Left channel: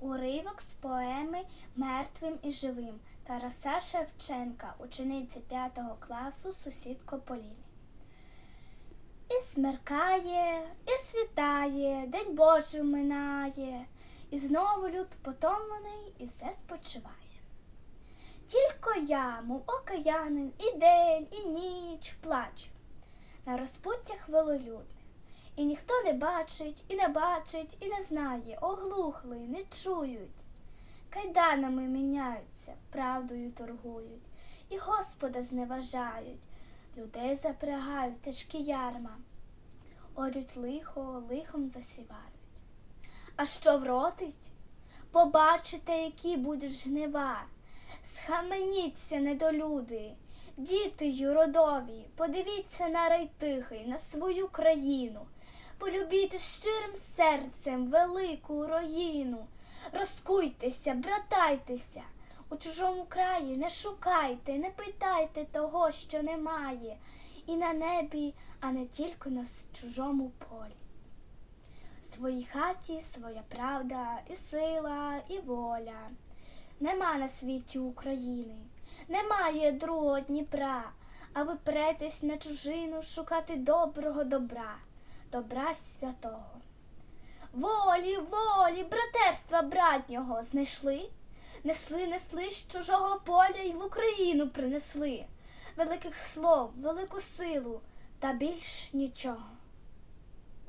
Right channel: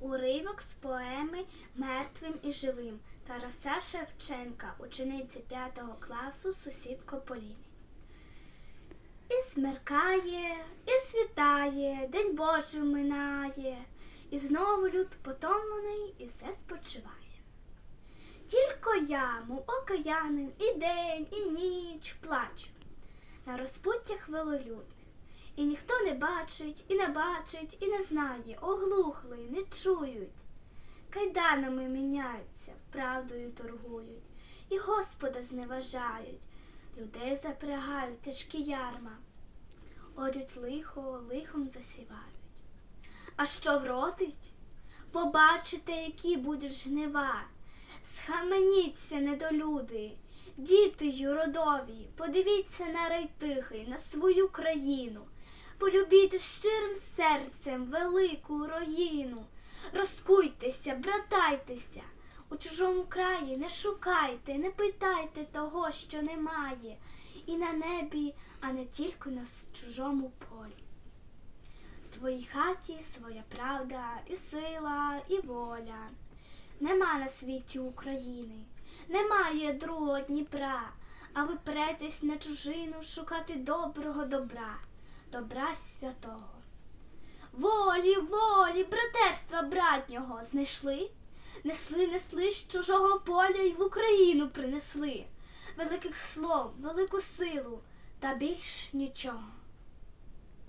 Уривок з поеми Мертвим і живим Тараса Шевченка, учениці 5 класу, сусідко Поліні. І смеркає, і світає, день Божий минає, і знову люд потомлений і все спочиває. Тільки я, мов окаянин, і день, і ніч плачу на розпуттях велолюдних. І ніхто не бачить, і не бачить, і не знає, оглухли, не чують. Кайданами міняються, правдою торгують, і Господа зневажають, людей запрягають тяжкі ярма, орють лихо, лихом засівають. А що вродить? Побачите, які будуть жнива. Схаменіться, недолюди, діти юродові, подивіться на рай тихий, на свою країну, полюбіть щирим серцем велику руїну, розкуйтеся, братайтеся, у чужому краї не шукайте, не питайте того, що немає, і на небі, а не тільки на чужому полі. В своїй хаті своя правда, і сила, і воля. Нема на світі України, немає другого Дніпра, а ви претесь на чужину шукати доброго добра, добра святого. Волі, волі, братерства братнього знайшли, несли, несли з чужого поля й в Україну принесли великих слов, велику силу та більш нічого.